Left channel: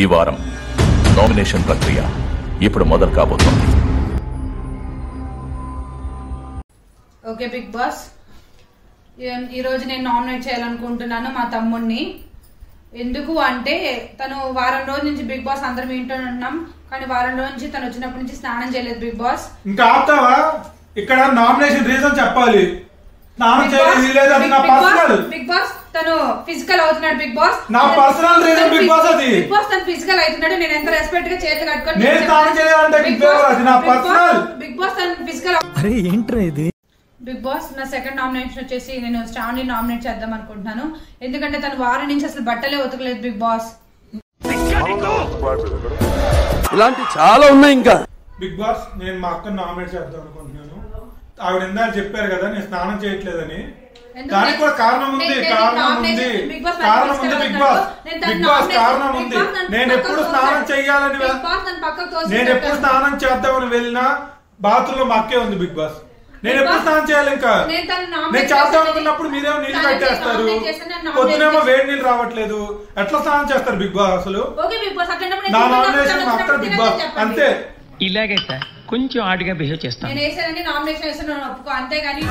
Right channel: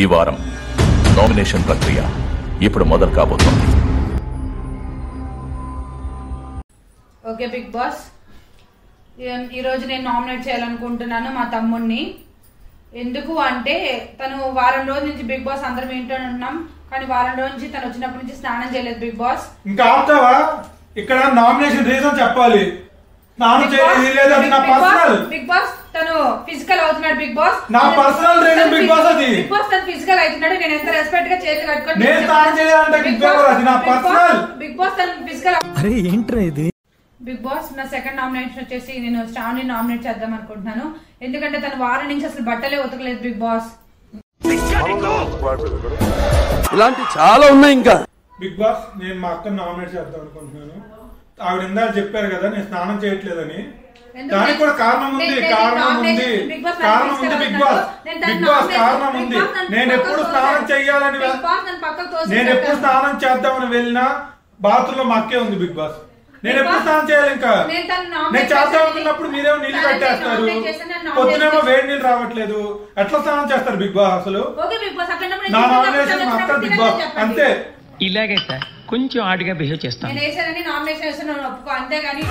ఈ వారం నామినేషన్ ప్రక్రియ ఇప్పుడు మొదలు కాబోతోంది. ఓకే బిగ్ బాస్, ఈ రోజు నేను నామినేట్ చేయాలనుకుంటున్నాను మా తమ్ముడిని. ఎందుకు అంటే తను వారం రోజుల నుంచి బిగ్ బాస్ అందరం వింటూనే ఉంటున్నాం, కానీ వారం రోజుల నుంచి తను వచ్చినప్పటి నుంచి స్నానం చేయలేదు బిగ్ బాస్. ఇంకా ఆపుతావా? ఇక్కడ నామినేషన్ రీజన్ చెప్పాలి. స్నానం చేయలేదు నా పర్సనల్. బిగ్ బాస్ తను ఫిజికల్ అవుతున్నాడు. బిగ్ బాస్ నా పర్సనల్ రీజన్. బిగ్ బాస్ అది బిగ్ బాస్ తను ఫిజికల్ అవుతున్నాడు. నేను ఎంత రెస్పెక్ట్ గా చేతులు కట్టుకొని నేను స్నానం చేయాలంటే బిగ్ బాస్ అది నా పర్సనల్. బిగ్ బాస్ తను ఫిజికల్. అరే ఏంట్రా ఇది? బిగ్ బాస్ నా సెకండ్ నామినేషన్ వచ్చేసి నేను శ్రావణి నామినేట్ చేద్దాం అనుకుంటున్నాను. ఎందుకంటే తను వారం నుంచి అసలు బట్టలే ఉతకలేదు బిగ్ బాస్. ఇలాంటి చాలా ఉన్నాయి. ఇంకా బిగ్ బాస్ నేను మా అక్కని నామినేట్ చేద్దాం అనుకుంటున్నాను. ఆవిడ ఇందాక చెప్పారు కదా నేను స్నానం చేయట్లేదని, దానికి కూడా కారణం ఉంది. కారణం ఉంది బిగ్ బాస్. బిగ్ బాస్ కారణం ఉంది. నేను ఎప్పుడు స్నానం చెయ్యాలని, నేను ఎప్పుడు స్నానం చేద్దామని వెళ్ళినా బాత్రూమ్ లో మా అక్కే ఉంది బిగ్ బాస్. నేను ఎప్పుడు స్నానం చేయాలి? ఇంకా నేను చేద్దాం అనుకున్నప్పుడు మీరేమో నీళ్లు కట్టేస్తారు, పొద్దునేమో వేడి నీళ్ళు రావట్లేదు. ఎట్లా స్నానం చేస్తారు బిగ్ బాస్? అసలు నా నామినేషన్ అక్కడ బిగ్ బాస్ అంతే. ఇలాగే సార్ కొంచెం ఆడిగా బిహేవ్ చేస్తాను. నేను నామినేషన్ ఒప్పుకో, అంతేగాని